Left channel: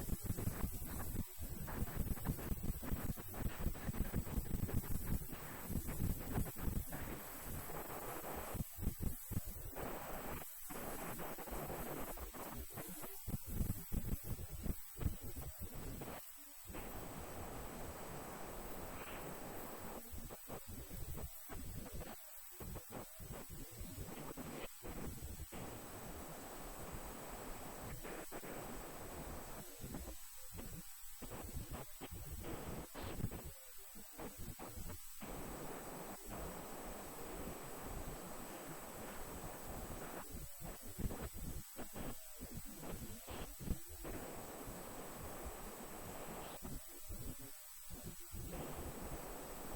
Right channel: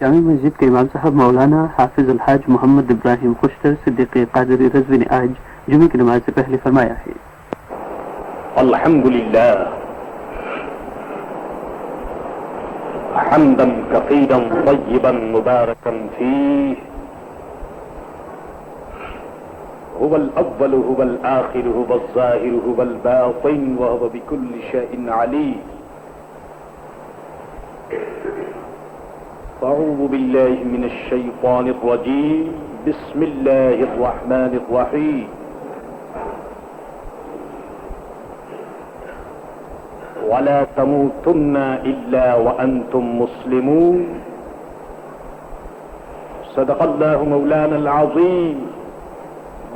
جامع مسجد کے امام صاحب مولانا حافظ الحاج محمد ابراہیم خوشتر صدیقی قادری رضوی نے آج جمعے کی نماز سے پہلے فرمایا ہے: الحمدللہ حمدا کثیرا طیبا مبارکا فیہ هو الاول هو الاخر هو الظاہر هو الباطن وهو بكل شيء علیم. أعوذ بالله من الشيطان الرجيم. بسم الله الرحمن الرحيم. ولا تموتن إلا وأنتم مسلمون. صدق الله مولانا العظيم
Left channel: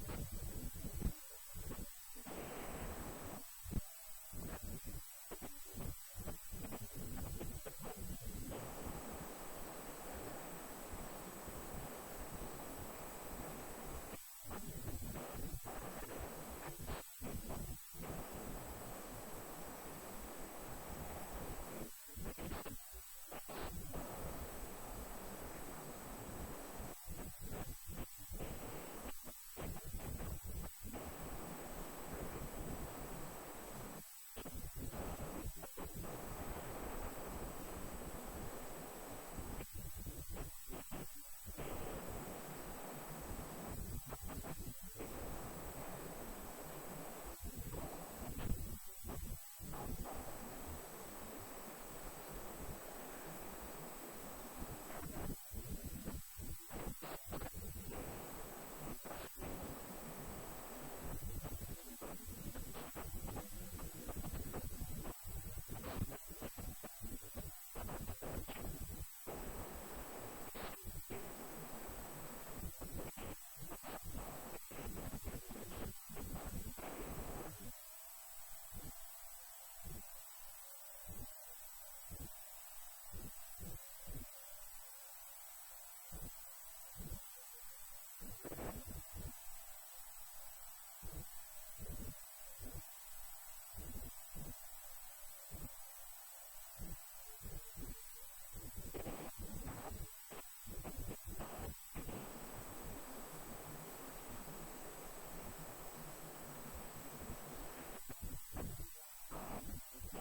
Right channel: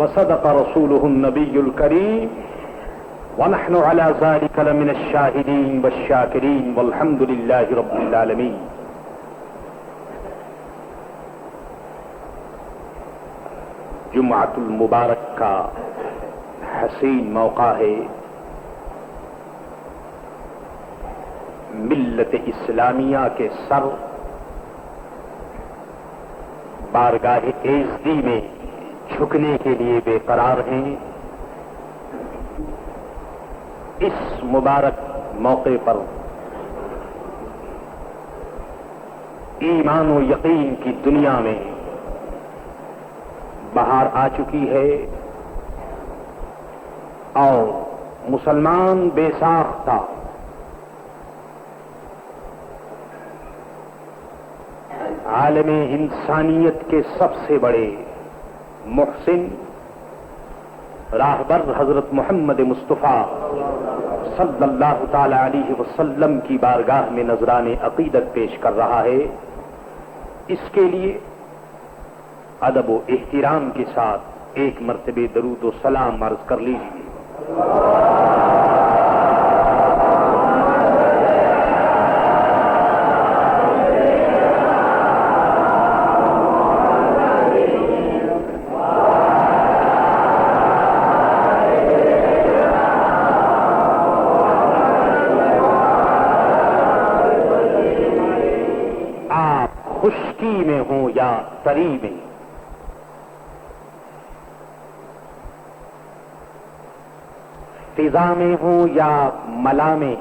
وصدق رسوله النبي الكريم ونحن على ذلك لمن الشاهدين والشاكرين والحمد لله رب العالمين. جمعۃ المبارک کا حسین موقع ہے. ملت اسلامیہ کے سر بارگاہ عزتی میں جھکنے کے لیے بے قرار ہیں. اس مبارک موقع پر ایمان و یقین کی دنیا میں بہار آ چکی ہے اور مسلمان بے ساختہ عالم انسانیت کے سب سے بڑے محسن راہبر حضرت محمد مصطفیٰ صلی اللہ تعالی علیہ وسلم کی بارگاہ میں نذران عقیدت پیش کر رہا ہے. اس کے لیے ادب و احترام کے ساتھ ایک مرتبہ درود و سلام عرض کر لیجیے. آپ خشکی میں ہوں یا تری میں، فضا میں ہوں یا ملا میں،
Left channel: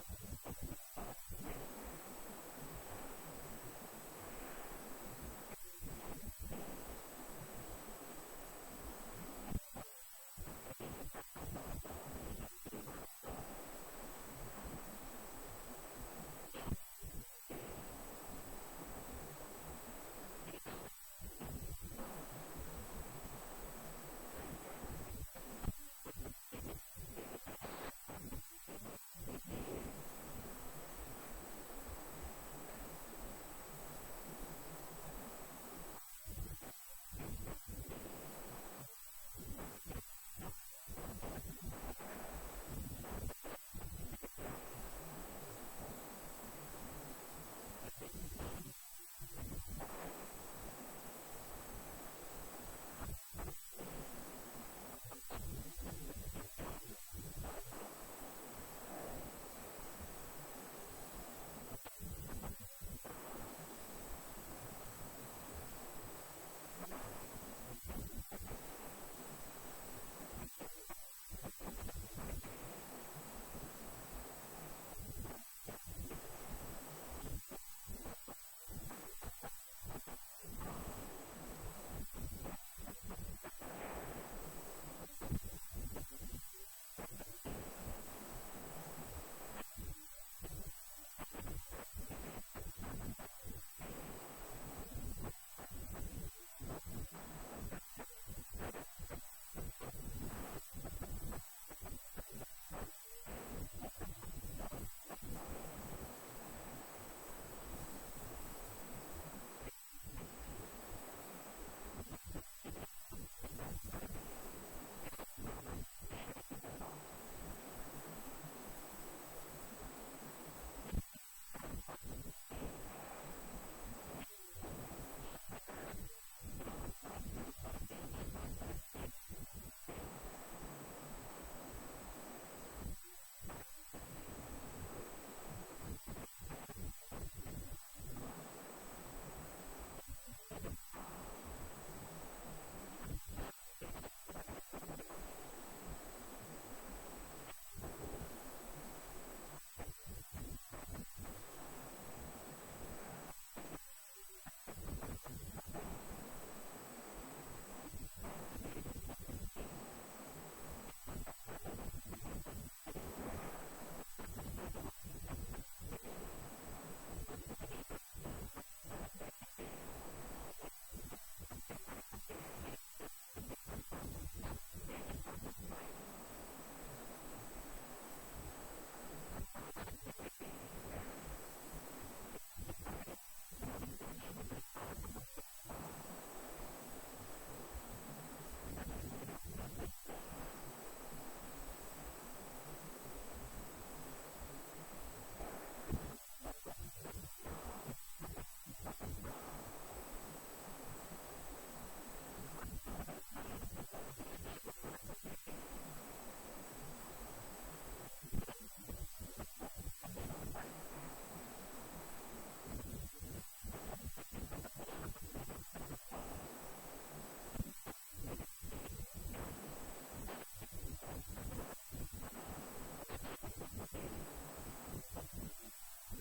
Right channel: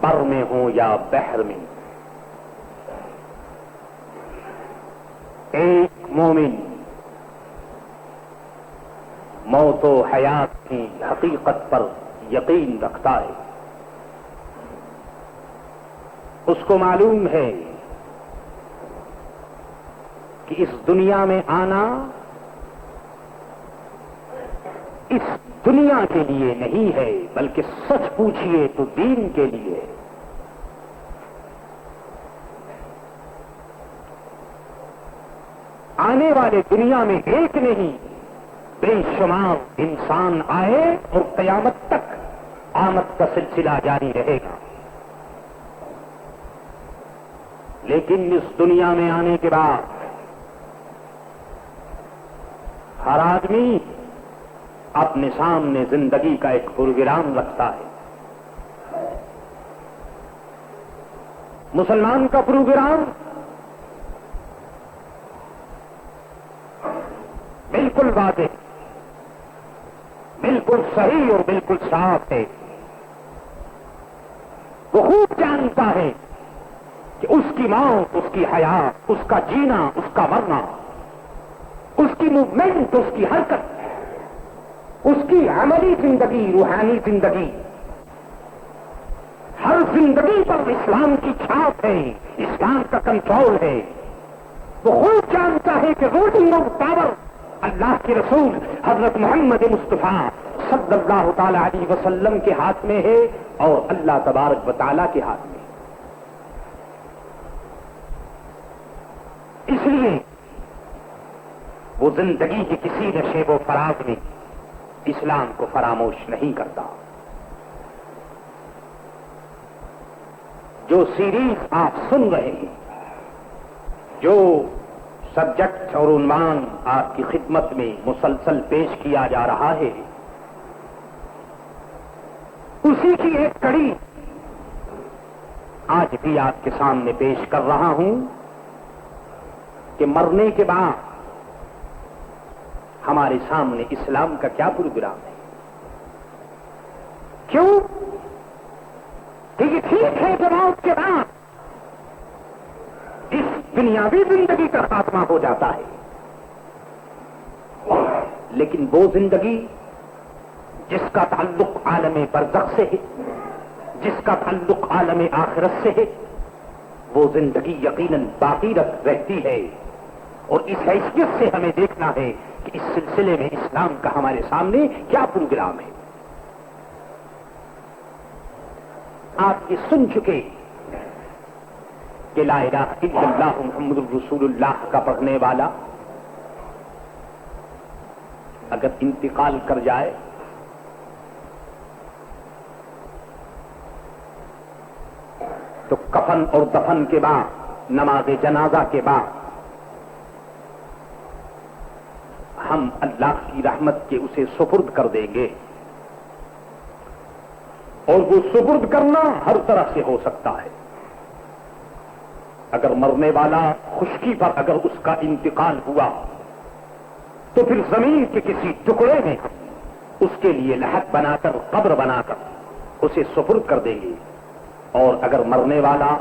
بر میں ہوں یا بحر میں، ایک مومن موت و حیات کی حقیقت پر یقین رکھتا ہے. اس کو معلوم ہے کہ اس دنیا میں آنا اس دنیا کے لیے نہیں ہے بلکہ سچ پوچھئے تو دین کے لیے. آنے والے دنیا میں ایک نہیں بے شمار انسان آئے اور قیامت تک آمد کا سلسلہ جاری رہے گا. لیکن اس دنیا میں آنے کے بعد ہر آدمی اپنے سامنے زندگی کا ایک پروگرام رکھتا ہے. مسلمان کا پروگرام بالکل واضح، بالکل صحیح اور بالکل صاف ہے. وہ خوب جانتا ہے کہ اس کی موت، اس کی حیات، اس کا جینا، اس کا مرنا، اس کی موومنٹ، اس کی حرکت، اس کی عملی زندگی، روحانی زندگی، ہر زندگی پر اسلام کی چھاپ ہے، اسلام کا کنٹرول ہے. وہ خوب جانتا ہے کہ رولنگ آف پاور اللہ کے رسول حضرت محمد مصطفیٰ صلی اللہ تعالی علیہ وسلم کے ہاتھ میں ہے اور اللہ تبارک و تعالیٰ کے ہاتھ میں. اس لیے وہ زندگی کی کسی نشیب و فراز میں اسلام کو فراموش نہیں کرتا. جو سیریز آپ سن رہے ہیں، جو سبجیکٹ اور عنوان آپ کی خدمت میں مسلسل پیش کیا جا رہا ہے، اسی کی ایک کڑی آج بھی آپ کے سامنے پیش کر رہا ہوں کہ مرنے کے بعد ہمارے سامنے اسلام کا کیا پروگرام ہے. کیوں کہ یہ ٹھیک ہے کہ موت کے بعد اس دنیاوی زندگی کا خاتمہ ہو جاتا ہے، لیکن وہ زندگی جس کا تعلق عالم برزخ سے ہے، جس کا تعلق عالم آخرت سے ہے، وہ زندگی یقیناً باقی رہتی ہے. اور اس حیثیت سے ہمیں دیکھنا ہے کہ اس سلسلے میں اسلام کا ہمارے سامنے کیا پروگرام ہے. آپ یہ سن چکے کہ لا الہ الا اللہ محمد الرسول اللہ کا پڑھنے والا اگر انتقال کر جائے تو کفن اور دفن کے بعد، نماز جنازہ کے بعد ہم اللہ کی رحمت کے اسے سپرد کر دیں گے. اور وہ سپرد کرنا ہر طرح سے ہو سکتا ہے. اگر مرنے والا خشکی پر اگر اس کا انتقال ہوا تو پھر زمین کے کسی ٹکڑے میں اس کے لیے لحد بنا کر، قبر بنا کر اسے سپرد کر دیں گے. اور اگر مرنے والا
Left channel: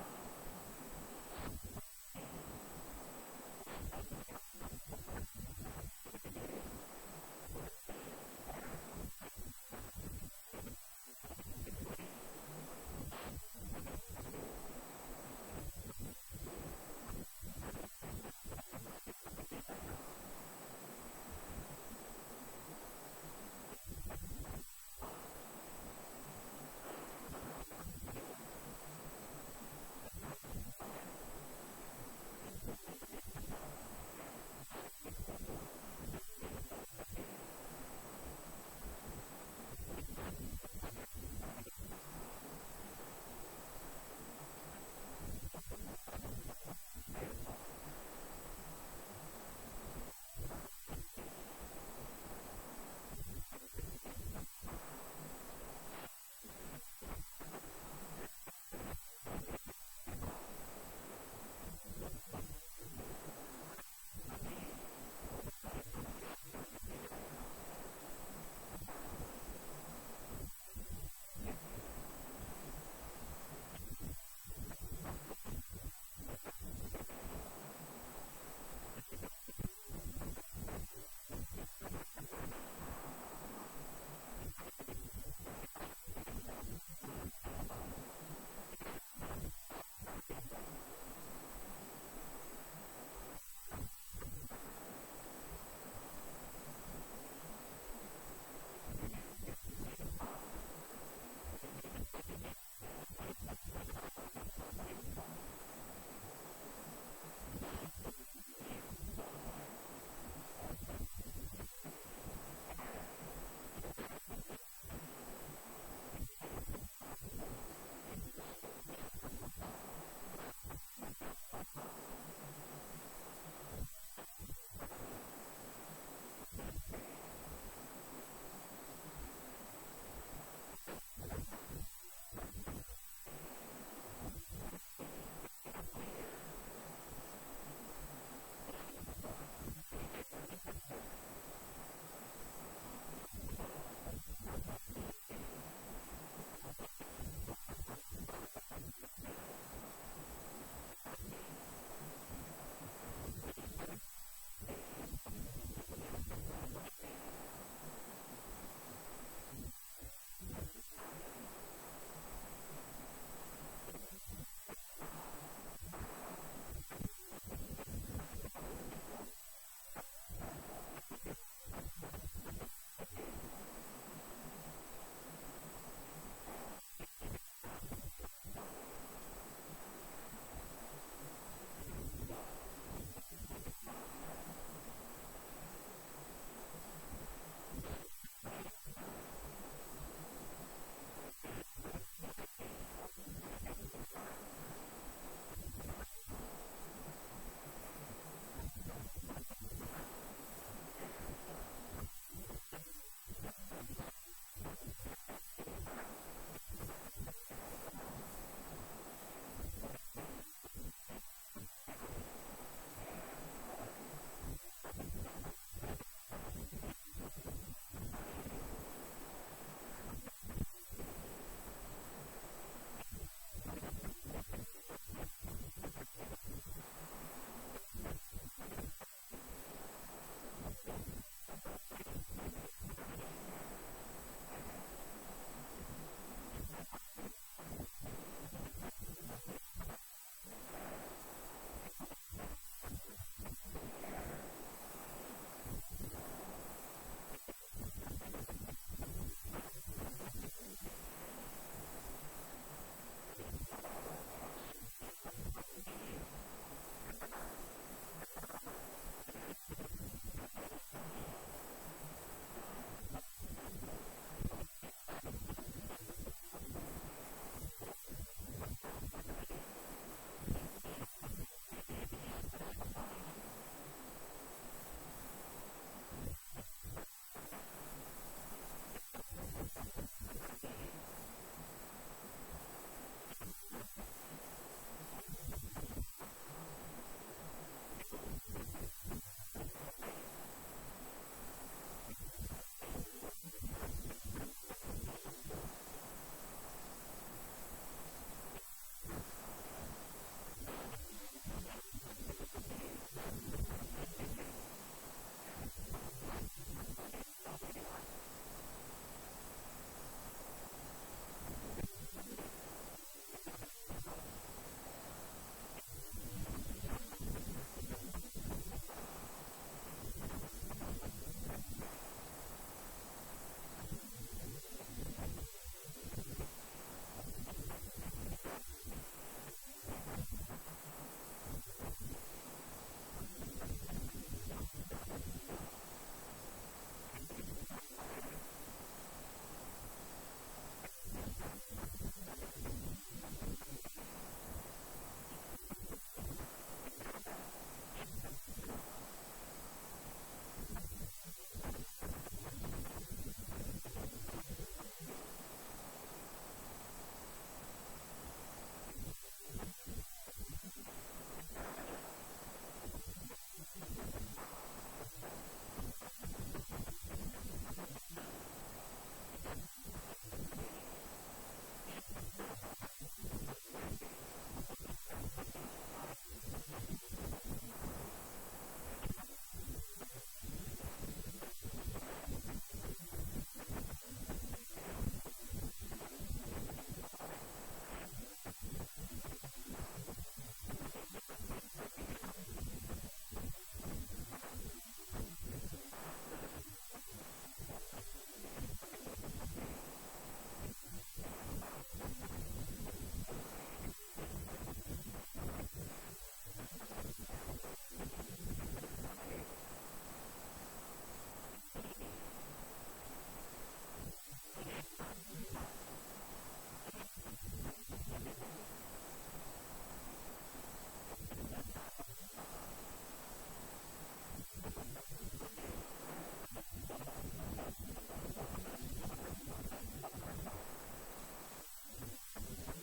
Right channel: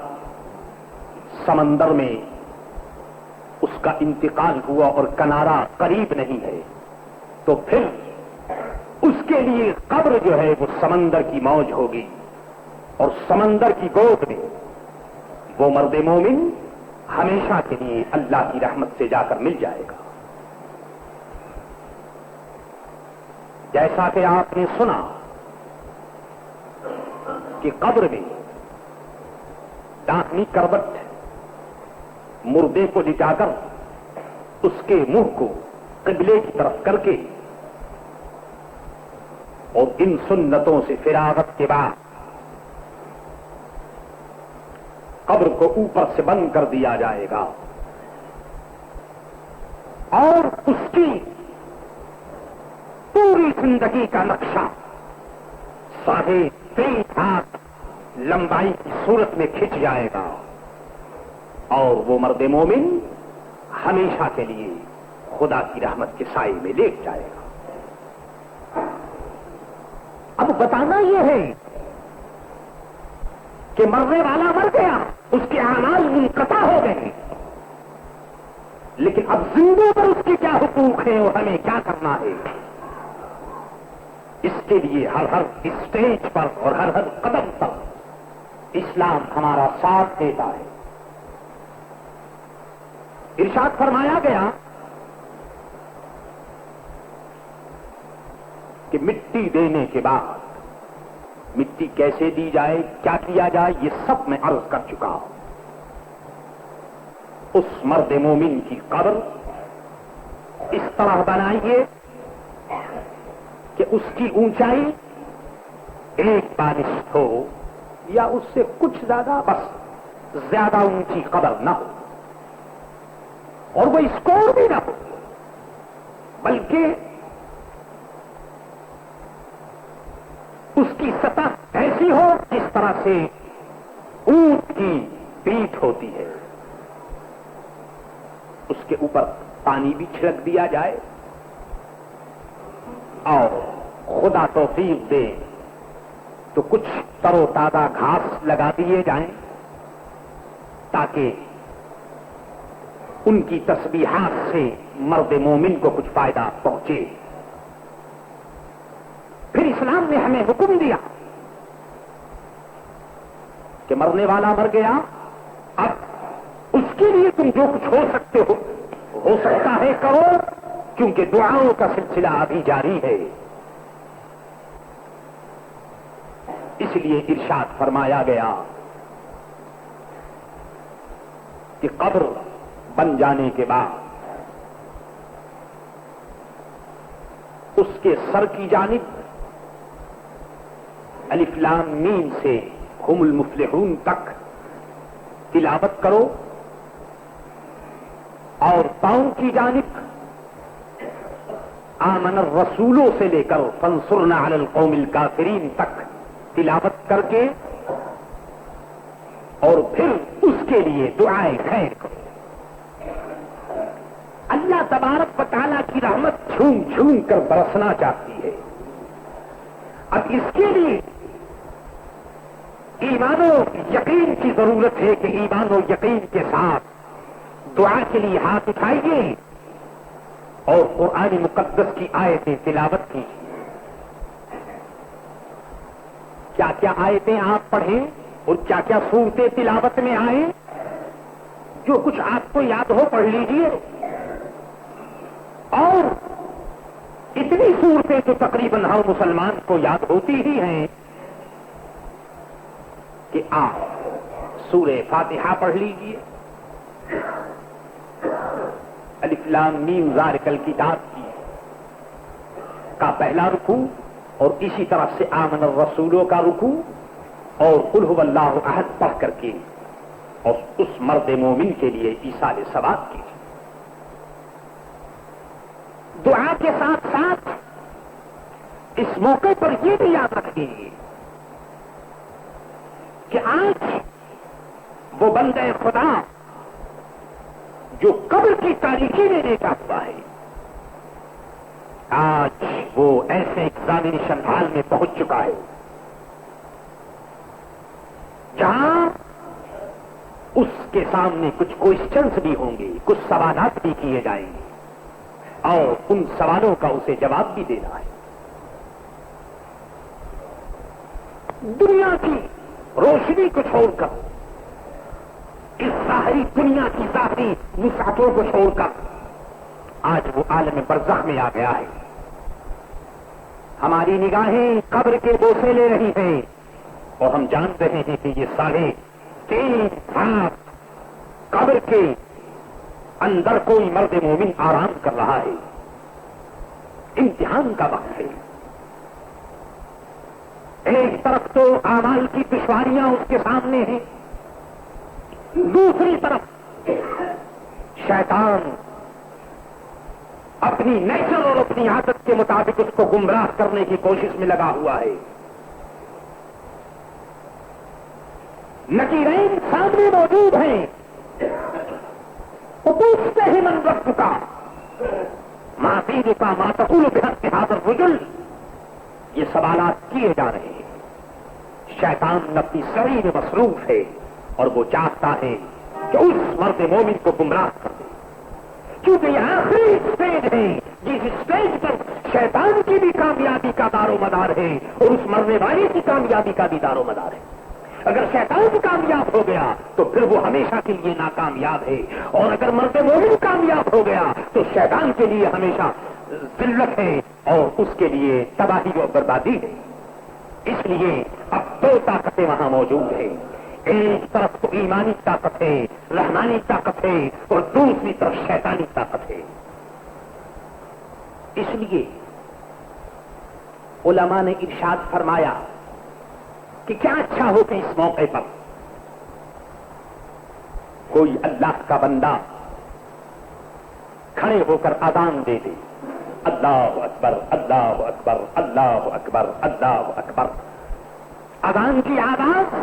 سمندر میں اس کا انتقال ہوا اور کنارہ قریب نہیں ہے تو پھر اس کے لیے قبر جو ہے وہ سمندر کی موج ہوگی، اور سمندر کی گود میں وہ مرد مومن ہمیشہ کے لیے اللہ کی رحمت سے جا کر مل جائے گا. جیسا کہ آپ نے سنا کہ قبر میں داہنی کروٹ مردے کو لٹا کر اس کے منہ کو قبلے کی طرف کر کے اور ان سنتوں سے فراغت کے بعد قبر کو اوپر سے بند کر دیا جائے گا، اور اس کی پوری زندگی کا نقشہ 3.5 ہاتھ لمبائی کی صورت میں کھنچ جائے گا، اور وہ مرد مومن ہمیشہ کے لیے خدا کی رحمت کے سائے میں لیٹ جائے گا. اب بتانا یہ ہے کہ مرنے والا مر گیا، اس کے اعمال منقطع ہو گئے، لیکن اب زندوں پر اس کے کیا حقوق ہیں اور ہمیں کیا کرنا ہے. اس کے لیے ہر اسٹیج پر اور ہر قدم پر اسلام ہمارا ساتھ دیتا ہے. ارشاد فرمایا گیا کہ مٹی دینے کے بعد مٹی کیسے دی جائے، کیا کیا جائے، یہ سب میں عرض کر چکا ہوں. اس مرد مومن کی قبر اس طرح بنائیے کہ اس کی اونچائی 1 بالشت ہو یا اس سے کچھ زیادہ، بس زیادہ اونچی قبر نہ ہو، اور وہ اسکور بھی نہ ہو، بلکہ اس کی سطح ایسی ہو جس طرح سے اونٹ کی پیٹھ ہوتی ہے. اس کے اوپر پانی بھی چھڑک دیا جائے، اور خدا توفیق دے تو کچھ تر و تازہ گھاس لگا دیے جائیں تاکہ ان کی تسبیحات سے مرد مومن کو کچھ فائدہ پہنچے. پھر اسلام نے ہمیں حکم دیا کہ مرنے والا مر گیا، اب اس کے لیے تم جو کچھ ہو سکتا ہے کرو، کیونکہ دعاؤں کا سلسلہ ابھی جاری ہے. اس لیے ارشاد فرمایا گیا کہ قبر بن جانے کے بعد اس کے سر کی جانب الف لام میم سے ہم المفلحون تک تلاوت کرو، اور پاؤں کی جانب آمن الرسولوں سے لے کر فانصرنا علی القوم الکافرین تک تلاوت کر کے اور پھر اس کے لیے دعائے خیر کرو. اللہ تبارک و تعالیٰ کی رحمت جھوم جھوم کر برسنا چاہتی ہے. اب اس کے لیے ایمان و یقین کی ضرورت ہے کہ ایمان و یقین کے ساتھ دعا کے لیے ہاتھ اٹھائیے اور قرآن مقدس کی آیتیں تلاوت کیجیے. کیا کیا آیتیں آپ پڑھیں اور کیا کیا صورتیں تلاوت میں آئیں، جو کچھ آپ کو یاد ہو پڑھ لیجیے. اور اتنی صورتیں تو تقریباً ہر مسلمان کو یاد ہوتی ہی ہیں کہ آپ سورہ فاتحہ پڑھ لیجیے. الف لام میم ذالک الکتاب کا پہلا رکوع اور اسی طرف سے آمن الرسولوں کا رکوع اور قل هو اللہ احد پڑھ کر کے اور اس مرد مومن کے لیے ایصال ثواب کی. دعا کے ساتھ ساتھ اس موقع پر یہ بھی یاد رکھیے کہ آج وہ بندہ خدا جو قبر کی تاریکی میں دیکھا ہوا ہے، آج وہ ایسے ایگزامینیشن ہال میں پہنچ چکا ہے جہاں اس کے سامنے کچھ کوئسچنز بھی ہوں گے، کچھ سوالات بھی کیے جائیں گے اور ان سوالوں کا اسے جواب بھی دینا ہے. دنیا کی روشنی کو چھوڑ کر، اس ظاہری دنیا کی ظاہری وسعتوں کو چھوڑ کر آج وہ عالم برزخ میں آ گیا ہے. ہماری نگاہیں قبر کے بوسے لے رہی ہیں اور ہم جان رہے ہیں کہ یہ 3.5 سال قبر کے اندر کوئی مرد مومن آرام کر رہا ہے. امتحان کا وقت ہے. ایک طرف تو اعمال کی دشواریاں اس کے سامنے ہیں، دوسری طرف شیطان اپنی نیچر اور اپنی عادت کے مطابق اس کو گمراہ کرنے کی کوشش میں لگا ہوا ہے. نکیرین سامنے موجود ہیں، وہ پوچھتے ہیں من رب کا، ماں دین کا، ماں تقول بحق هذا الرجل. یہ سوالات کیے جا رہے ہیں. شیطان اپنی سعی میں مصروف ہے اور وہ چاہتا ہے کہ اس مرد مومن کو گمراہ کر دے، کیونکہ یہ آخری اسٹیج ہے جس اسٹیج پر شیطان کی بھی کامیابی کا دار و مدار ہے اور اس مرنے والے کی کامیابی کا بھی دار و مدار ہے. اگر شیطان کامیاب ہو گیا تو پھر وہ ہمیشہ کے لیے ناکامیاب ہے، اور اگر مرد مومن کامیاب ہو گیا تو شیطان کے لیے ہمیشہ ذلت ہے اور اس کے لیے تباہی و بربادی ہے. اس لیے اب 2 طاقتیں وہاں موجود ہیں. ایک طرف تو ایمانی طاقت ہے، رحمانی طاقت ہے، اور دوسری طرف شیطانی طاقت ہے. اس لیے علماء نے ارشاد فرمایا کہ کیا اچھا ہو کہ اس موقع پر کوئی اللہ کا بندہ کھڑے ہو کر اذان دے دے، اللہ اکبر اللہ اکبر اللہ اکبر اللہ اکبر. اذان کی آواز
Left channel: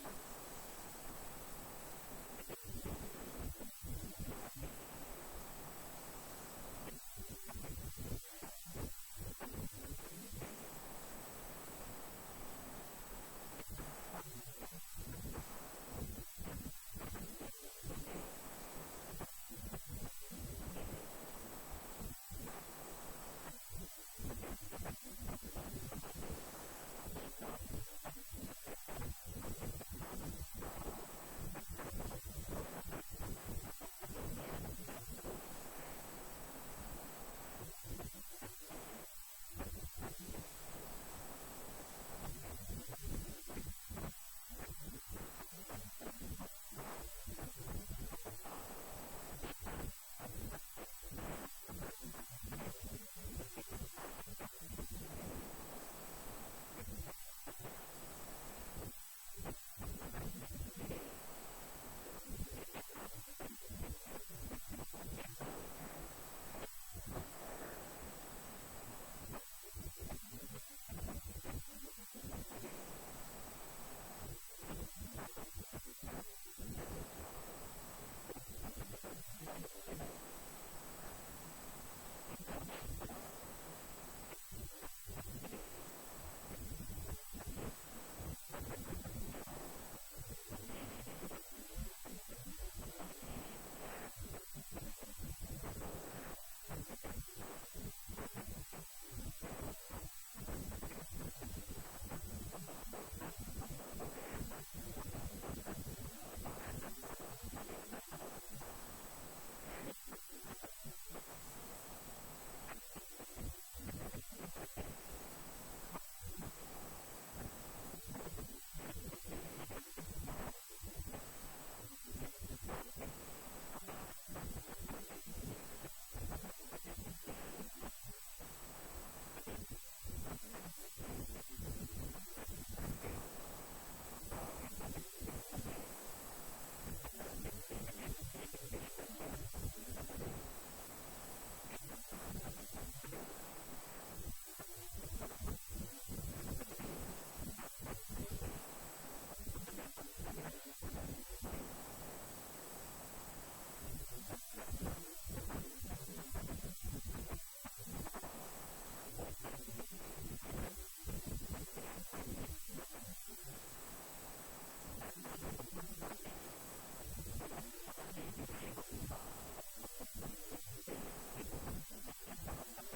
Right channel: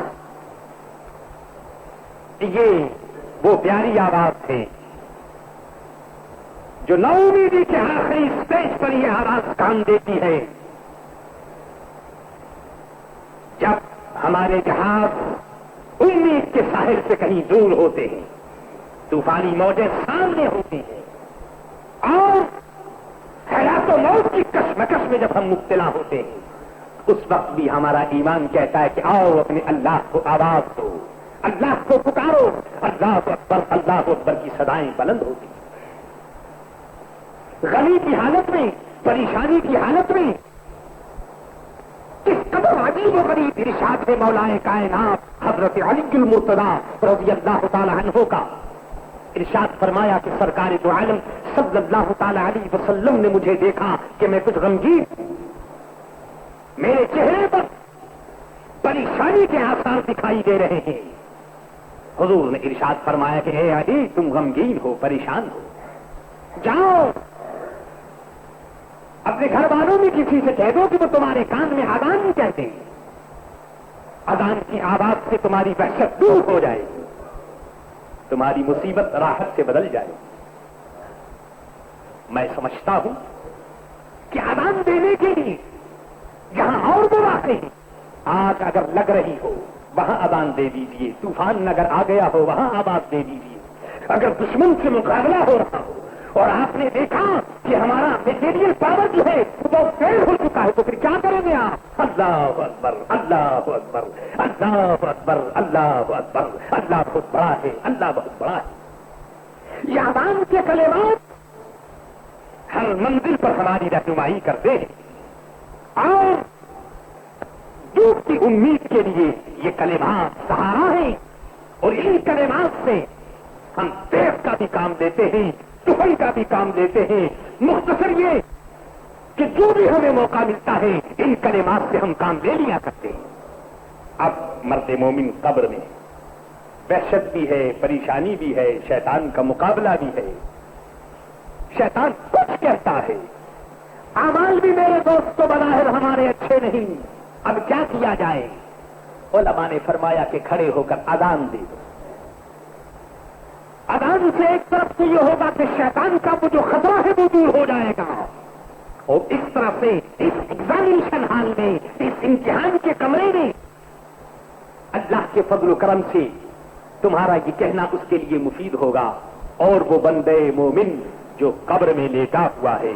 یہ وہ پیاری آواز ہے جو نومیدی کے آخری اسٹیج پر یہ آواز کام دیتی ہے جب ہمارے جہاز امید کے ساحل سے کہیں دور ہوتے ہیں، طوفانی موجیں سامنے ہوتی ہیں اور حیات و موت کی کشمکش میں جب ہم مبتلا ہوتے ہیں، اس وقت بھی ہمارا ایمان کہتا ہے کہ آؤ اپنے اللہ کو آواز دو، اللہ کو پکارو، اللہ اکبر کی صدائیں بلند ہوتی. غمی کی حالت میں، پریشانی کی حالت میں کس قدر عجیب و غریب ارشاد ہے مولا کائنات حضرت علی المرتضی رضی اللہ تعالی عنہ کا. ارشاد فرمایا کہ سرکار دو عالم صلی اللہ تعالی علیہ وسلم نے مجھے دیکھا کہ میں کچھ غمگین، میرے چہرے پر پریشانی کے آثار دکھائی دے رہے ہیں. حضور نے ارشاد فرمایا کہ اے علی تم غمگین ہو، پریشان ہو، جاؤ اپنے گھر والوں میں کسی سے کہہ دو کہ وہ تمہارے کان میں اذان نہیں کہتے ہیں. اذان کی آواز سے تمہاری وحشت دور ہو جائے، تمہاری مصیبت راحت سے بدل جائے۔ میں سمجھتا ہوں کہ اذان دینے کے لیے جہاں اور مواقع ہیں، آگ اگر لگ رہی ہو وہاں اذان دے دیجیے، طوفان اگر آ گیا ہو وہاں آواز دے دیجیے، اگر دشمن سے مقابلہ ہو رہا ہو اور آپ نے دیکھا کہ ہمارا میٹیریل پاور جو ہے وہ فیل ہو چکا ہے، تو پھر کیا کریں گے آپ؟ اللہ اکبر، اللہ اکبر، اللہ اکبر، اللہ اکبر، اللہ بہت بڑا ہے، اللہ بہت بڑا ہے۔ یہ اذان کے کلمات ہر منزل پر ہماری رہنمائی کرتے ہیں، اور دودھ کی امید کے لیے یہ کلمات سہارا ہے، اور ان کلمات سے ہم دیش کا بھی کام دیتے ہیں، سفر کا بھی کام دیتے ہیں۔ مختصر یہ کہ جو بھی ہمیں موقع ملتا ہے ان کلمات سے ہم کام لے لیا کرتے ہیں۔ اب مرد مومن قبر میں وحشت بھی ہے، پریشانی بھی ہے، شیطان کا مقابلہ بھی ہے، شیطان کچھ کہتا ہے، اعمال بھی میرے دوست کو بظاہر ہمارے اچھے نہیں، اب کیا کیا جائے؟ علماء نے فرمایا کہ کھڑے ہو کر اذان دے دو۔ اذان سے ایک طرف سے یہ ہوگا کہ شیطان کا وہ جو خطرہ ہے وہ دور ہو جائے گا، اور اس طرح سے اس ایگزامینیشن ہال میں، اس امتحان کے کمرے میں اللہ کے فضل و کرم سے تمہارا یہ کہنا اس کے لیے مفید ہوگا، اور وہ بندے مومن جو قبر میں لیٹا ہوا ہے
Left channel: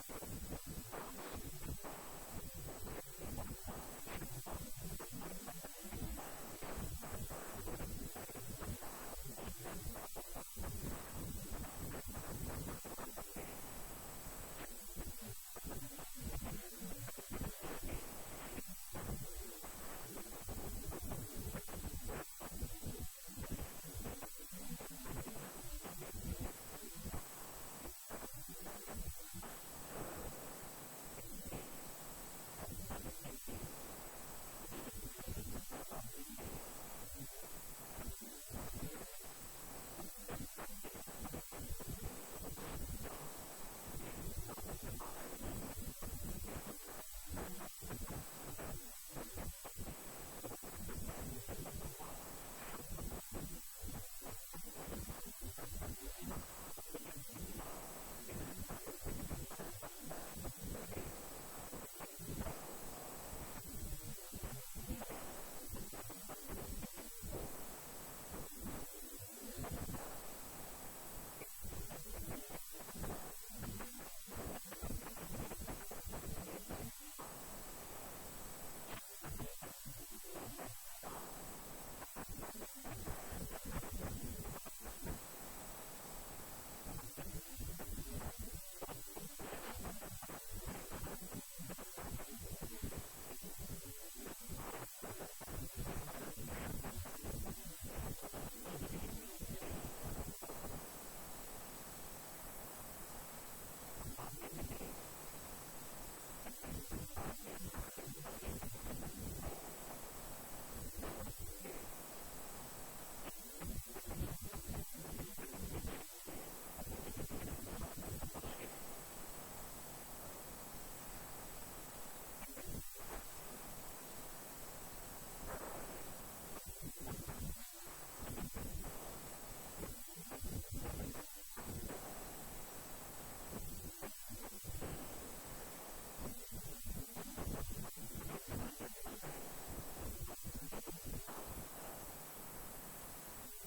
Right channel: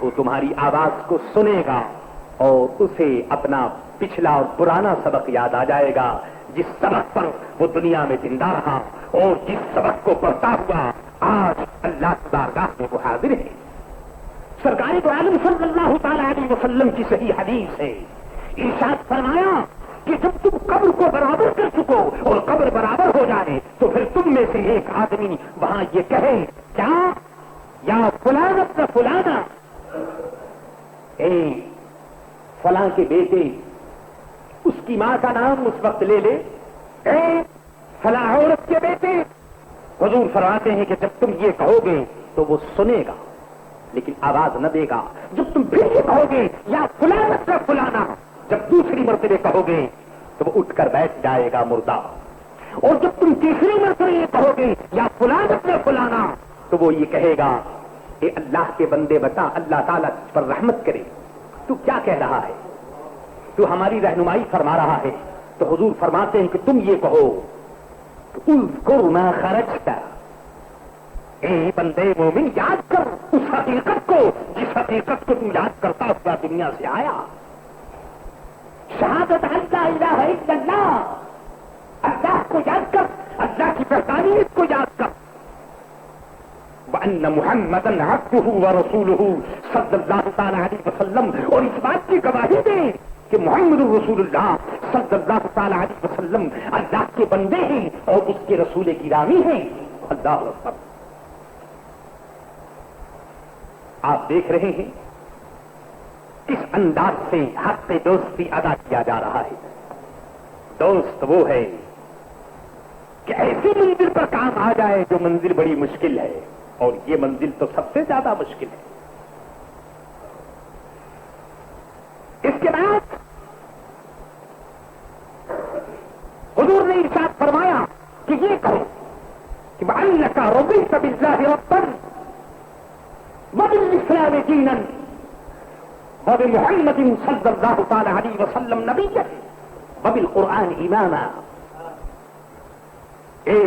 وہ تمہاری آواز کو سنے گا، اور اسے اپنا پچھلا اور پرانا سبق یاد آ جائے گا، جس سبق پر وہ دنیا میں زندہ رہا، اور جس سبق کو پڑھتا ہوا آج اللہ کی بارگاہ میں وہ حاضر ہے۔ سرکار دو عالم صلی اللہ تعالی علیہ وسلم کی صحیح حدیث ہے، ارشاد فرمایا کہ جب تم قبر کو برابر کر چکو اور قبر برابر ہو جائے تو پھر تم میں سے ایک آدمی وہاں یہ کہے، کیا یا فلاں ابن فلانا، اے فلاں کے بیٹے، اس کی ماں کا نام اس وقت لے لے، اے فلاں عورت کے بیٹے۔ حضور فرماتے ہیں کہ جب تم یہ کہو گے تو وہ سنے گا لیکن آواز نہ دے گا۔ جب تم پھر یہ کہو گے یا فلاں ابن فلانا، جب دوسری مرتبہ کہو گے تو وہ اٹھ کر بیٹھ جائے گا مردہ، اور جب تم تیسری مرتبہ یہ کہو گے یا فلاں ابن فلانا تو وہ یہ کہے گا، اے اللہ کے بندے بتا، اللہ تعالیٰ تجھ پر رحمت کرے، تو کیا کہہ رہا ہے؟ تو ہماری رہنمائی فرما رہا ہے۔ تو حضور فرماتے ہیں کہ تم یہ کہو، اذکر ما خرجت، اے بندے مومن یاد کر اس حقیقت کو جس حقیقت کو تم یاد کرتا ہوا دنیا سے آیا۔ شہادت لا الہ الا اللہ، اللہ کو یاد کر، اللہ کی وحدانیت کو یاد کر، وَأَنَّ مُحَمَّدًا عَبْدُهُ وَرَسُولُهُ صلی اللہ تعالی علیہ وسلم، اور اس بات کی گواہی دیں کہ محمد رسول اللہ صلی اللہ تعالی علیہ وسلم اللہ کے بندے ہیں اور اس کے رسول گرامی ہیں۔ اللہ اکبر۔ آپ دیکھ رہے ہیں کس انداز سے حق دوستی ادا کیا جا رہا ہے۔ دوست وہ ہے کہ ایسی منزل پر کام آ جائے جو منزل بڑی مشکل ہے، اور یہ منزل تو سب سے زیادہ مشکل ہے۔ اس کے بعد حضور نے ارشاد فرمایا کہ یہ کہو کہ وَأَنَّكَ رَضِيتَ بِاللَّهِ رَبًّا وَبِالْإِسْلَامِ دِينًا وَبِمُحَمَّدٍ صلی اللہ تعالی علیہ وسلم نبیًّا وَبِالْقُرْآنِ إِمَامًا۔ اے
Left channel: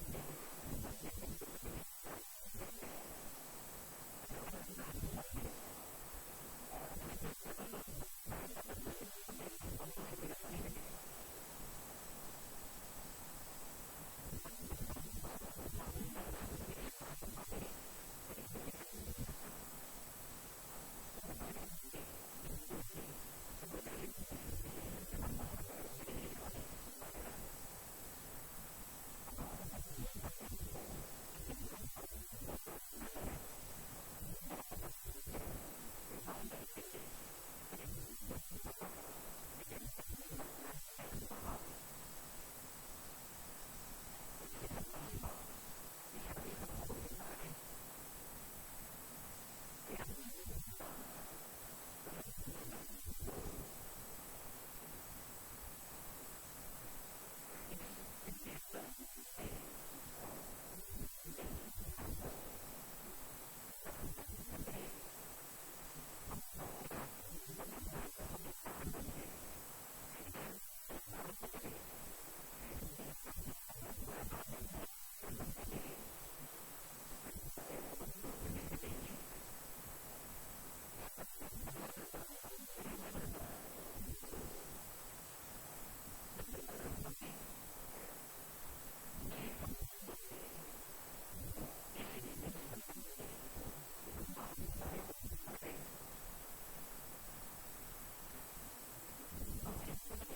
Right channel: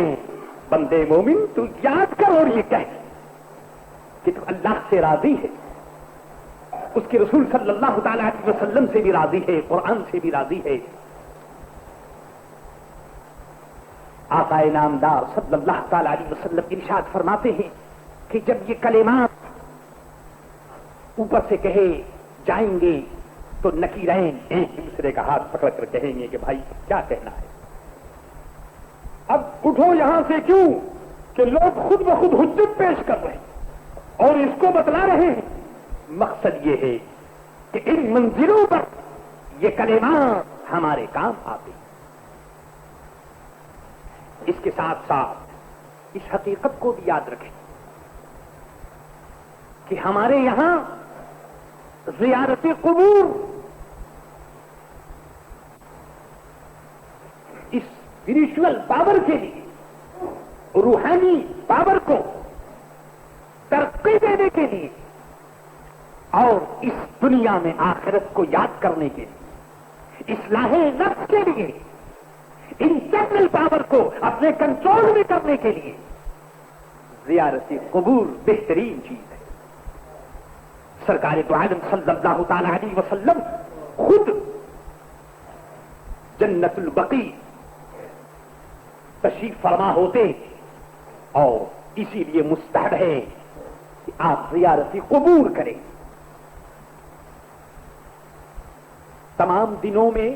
بندے مومن، تو یاد کر اور یہ کہہ کہ تو اللہ سے راضی ہے، اس کے رسول صلی اللہ تعالی علیہ وسلم سے بھی راضی ہے، قرآن سے بھی راضی ہے۔ آقا نامدار صلی اللہ تعالی علیہ وسلم ارشاد فرماتے ہیں کہ جب یہ کلمات اوپر سے کہے جائیں گے تو نکیرین ایک دوسرے کا ہاتھ پکڑ کر کہیں گے کہ بھائی کیا کہنا ہے، اب اٹھو یہاں سے۔ کیوں کہ لوگ خود بخود حجت پیش کر رہے ہیں اور اس کو بتلا رہے ہیں۔ مقصد یہ ہے کہ ان منزلوں پر یہ کلمات ہمارے کام آتے ہیں۔ اس کے ساتھ ساتھ اس حقیقت کو بھی یاد رکھیں کہ ہمارے یہاں زیارت قبور اسپرچل پاور کے لیے، روحانی پاور کو ترقی دینے کے لیے اور اس دنیا میں آخرت کو یاد کرنے کے لیے، اصلاح نفس کے لیے، انٹرنل پاور کو اپنے کنٹرول میں کرنے کے لیے زیارت قبور بہترین چیز ہے۔ سرکار دو عالم صلی اللہ تعالی علیہ وسلم خود جنت البقیع تشریف فرما ہوتے اور اسی لیے مستحب ہے کہ آپ زیارت قبور کریں۔ تمام دنوں میں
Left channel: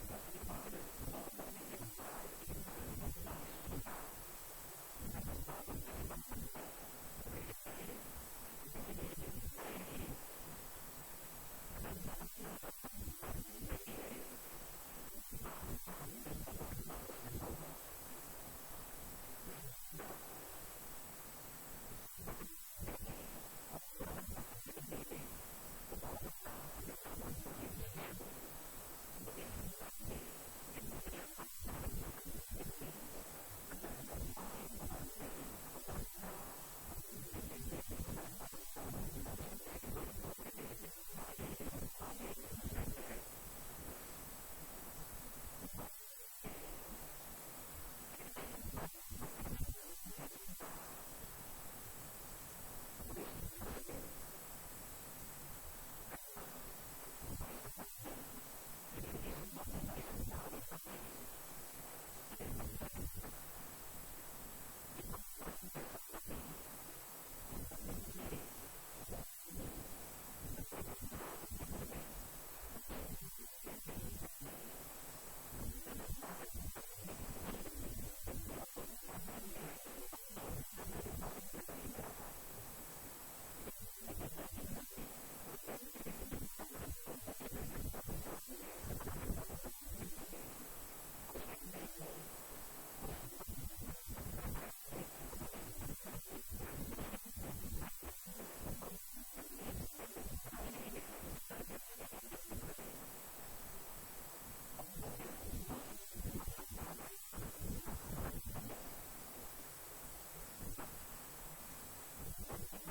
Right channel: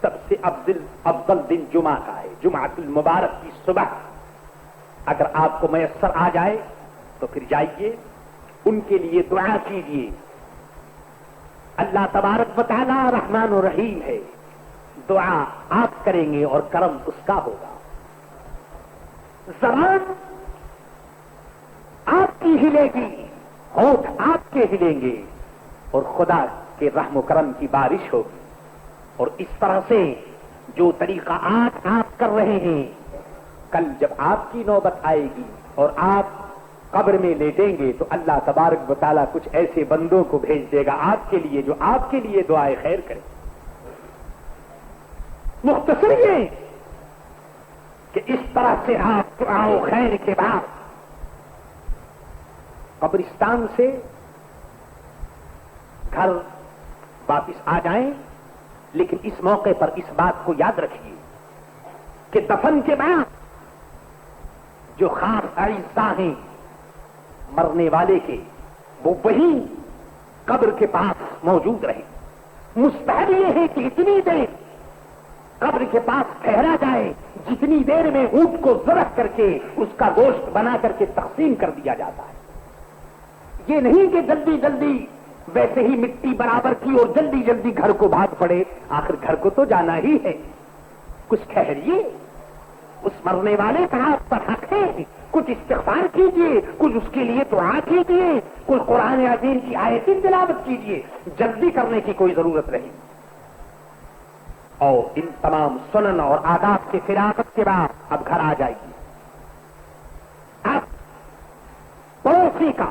سب سے افضل دن جمعہ کا ہے، جمعۃ المبارک کی صبح اگر آپ کو میسر آ جائے تو پھر جائیے، ان کے لیے دعا کیجیے۔ اللہ تبارک و تعالی رحمان و رحیم ہے، دعا آپ کریں گے اور کرم اس کا ہوگا۔ زبان آپ کی ہلے گی، ہونٹ آپ کے ہلیں گے اور خدا کے رحم و کرم کی بارش ہوگی۔ اور اس طرح سے جو طریقہ آج آپ کر رہے ہیں، کل جب آپ کی نوبت آئے گی اور آپ قبر میں لیٹیں گے تو اللہ تبارک و تعالیٰ کچھ ایسے بندوں کو بھیج دے گا آپ کے لیے جو آپ کے لیے دعائے خیر کریں۔ مختصر یہ کہ اس طرح سے آپ دعاؤں خیر کے بعد قبرستان سے گھر واپس آ جائیں، لیکن اس موقع پر اس بات کو یاد رکھیے کہ دفن کے بعد جو خاص اعزاء ہیں مرنے والے کے، وہ وہی قبر کے پاس موجود رہے۔ مستحب یہ ہے کہ اتنی دیر قبر کے پاس ٹھہرا جائے جتنی دیر میں اونٹ کو ذبح کر کے اس کا گوشت بنا کر کے تقسیم کر دیا جاتا ہے۔ یہ نہیں کہ جلدی جلدی ویسے ہی مٹی برابر کی اور جلدی جلدی گھر کو بھاگ پڑے، آخر گھر کو تو جانا ہی ہے۔ کچھ ٹھہریے، اس مرنے والے کا آپ پر حق ہے، کچھ استغفار کیجیے، کچھ اس کے لیے دعا کیجیے، کچھ قرآن عظیم کی آیتیں تلاوت کیجیے، جلدی کرنے کی کوئی ضرورت نہیں۔ اور ان تمام سنن اور آداب کے فراغت کے بعد اب گھر آ جائیے۔ اب پڑوسی کا،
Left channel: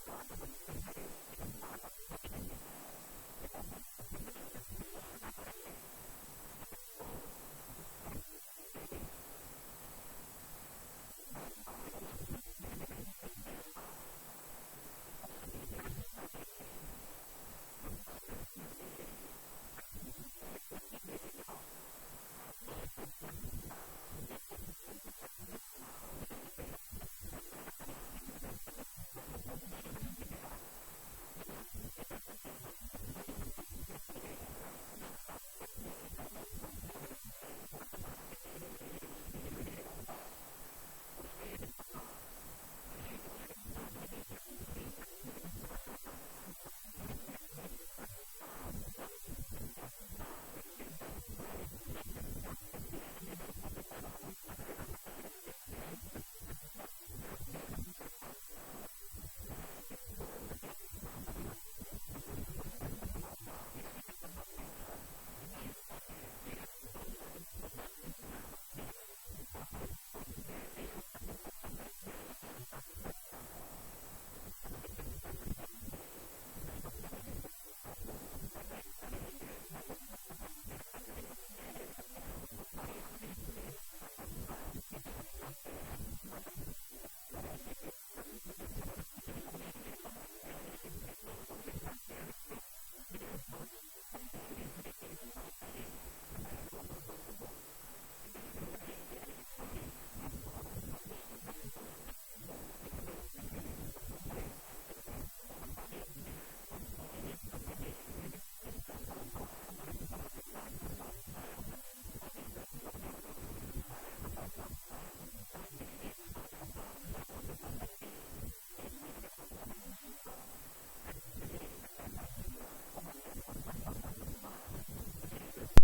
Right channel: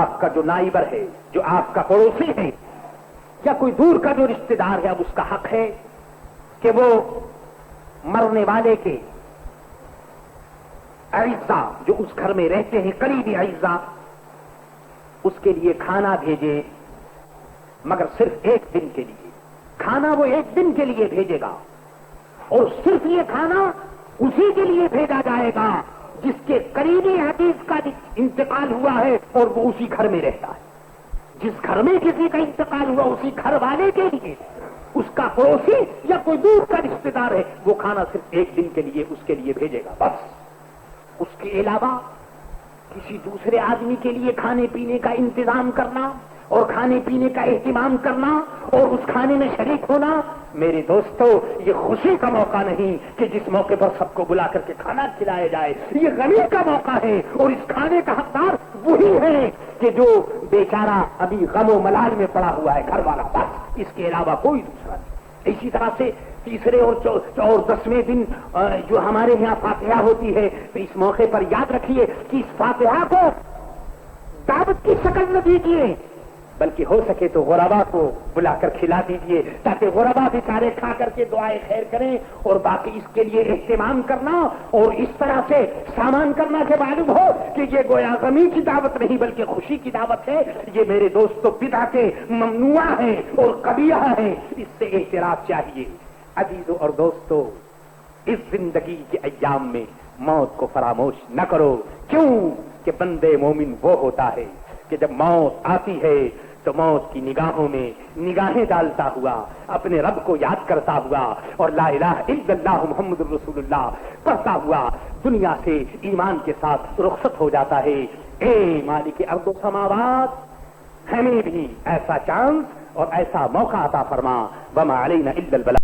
آپ کا جو نائبر ہے، جو آپ کا پڑوسی ہے یا کوئی دور کا جو رشتہ دار ہے، اب اس کا حق ہے کہ وہ مرنے والے کے اعزاء جو اس گھر میں رہتے ہیں، قریبی اعزاء، اس کے لیے کھانا بھیجے، مگر صرف ایک دن کے لیے۔ کھانا وہ ایک دن کے لیے بھیجے گا اور صرف یہ کھانا اسی کے لیے بھیجا جائے گا جس کے قریبی حدیث کا انتقال ہوا ہے اور وہ اسی گھر میں رہتا ہے۔ جس گھر میں کسی کا انتقال ہوا اسی گھر والے کے لیے، اس کا پڑوسی یا کوئی دور کا رشتہ دار ہے، وہ کھانا صرف ایک دن کے لیے اس کے لیے بھیجے گا بس۔ اس کے علاوہ کسی دوسرے آدمی کے لیے کھانے پینے کا انتظام کرنا اور کھانے پینے کا اہتمام کرنا اور اس کھانے میں شریک ہونا، میرے دوستو، یہ خوشی کا موقع نہیں کہ جس موقع پر سب کو بلا کر کے کھانا کھلایا جائے، یہ غمی کا موقع ہے۔ اور اس کھانے کا حقدار وہی ہے کہ جو بیچارہ ابھی غم و ملال میں پڑا ہوا ہے، گھر والا، بس، اس کے علاوہ کوئی دوسرا نہیں۔ اسی طرح سے تیسرے اور 10ویں دن جو ہمارے یہاں فاتحہ ہوتی ہے، تو اس موقع پر یاد رکھیے کہ اس فاتحہ کو دعوت کی شکل نہ دیجیے، بلکہ ہو سکے تو غربا کو بلا کر کھلا دیجیے تاکہ غربا بیچارے کھا کر کے دعائیں خیر کریں، اور باقی اس کے لیے اہتمام کرنا اور اس طرح سے سامان کرنا کہ معلوم ہو کہ یہ گویا غمی کی دعوت نہیں بلکہ خوشی کی دعوت ہے، یہ میرے دوستو بدعتیں ممنوع ہیں اور قبیحہ ہیں، اس سے احتراز چاہیے۔ عزیزو اور دوستو، اس زندگی کے ایام میں موت کو فراموش نہ کرو، کیوں کہ بندے مومن وہ ہوتا ہے کہ جب موت آتی ہے تو موت کی نگاہوں میں نگاہیں ڈالتا ہوا اپنے رب کو یاد کرتا ہوا اور لا الہ الا اللہ محمد رسول اللہ پڑھتا ہوا دنیا سے ایمان کے ساتھ رخصت ہو جاتا ہے۔ اے مالک ارض و سماوات، ہمیں بھی ایسا چانس اور ایسا موقع عطا فرما، وما علینا الا البلاغ۔